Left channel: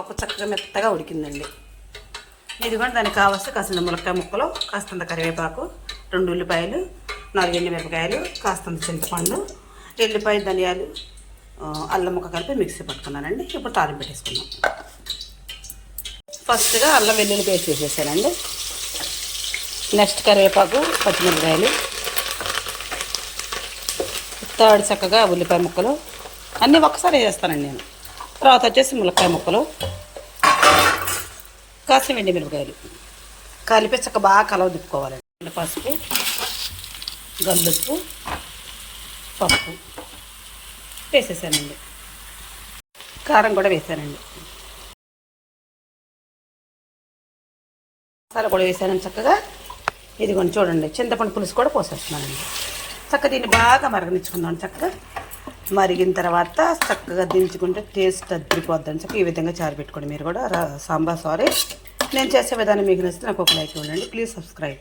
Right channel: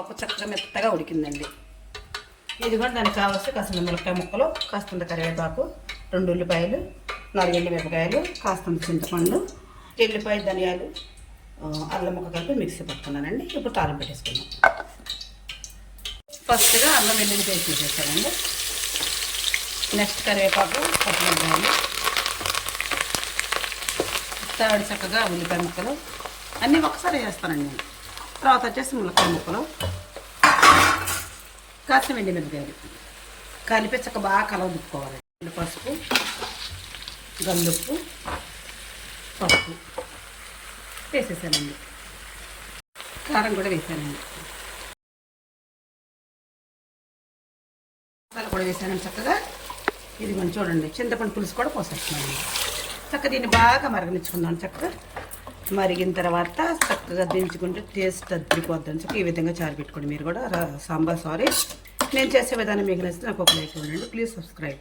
పప్పు చక్కగా మెత్తగా ఉడికిందండి. ఇది కూడా దానికి కావాల్సి కాస్తంత ములక్కాయ ముక్కలు, కాస్తంత కరివేపాకు, 2 ఉల్లిపాయలు, 4 ఎండుమిరపకాయలు, కాస్తంత చింతపండు, ఎల్లిపాయ, ధనియాలు, అల్లం ముక్క కలిపి మిక్సీ పట్టుకున్నానండి. ఇప్పుడు తాలింపు పెట్టేసుకుందాం. ఫస్ట్గా అల్లం వెల్లుల్లి పేస్ట్ వేసేసానండి. నెక్స్ట్ కరివేపాకు, పచ్చిమిరపకాయలు, థర్డ్ చక్కగా ఉల్లిపాయ ముక్కలు అన్నీ ఒక్కసారి వేస్తానండి నేను. తర్వాత వచ్చేసి ములక్కాయ ముక్కలు, కాసిన ఎండుమిరపకాయలు కలిపి చక్క బాగా కలవ దిప్పుకోవాలండి. పసుపు, గల్లుప్పు, పప్పు వేసేసానండి. కారం కూడా వేసానండి. మసాలా కూడా వేసానండి చక్కగా. ఇది కొంచెం చూడండి, చింతపండు పులుసు కూడా పోసేస్తున్నానండి. చక్కగా దీన్ని బాగా మరగనిచ్చుకుందాం. చక్కగా మరిగిన తర్వాత చక్కగా దించుకుంటే టేస్ట్ అద్దరిపోద్దని చక్కగా ఈ విధంగా చారు పెట్టుకోండి. మీరు కూడా సాంబార్ నేను చేసే విధానం మీకు నచ్చితే నాకు ఒక లైక్ ఇవ్వండి. Please subscribe.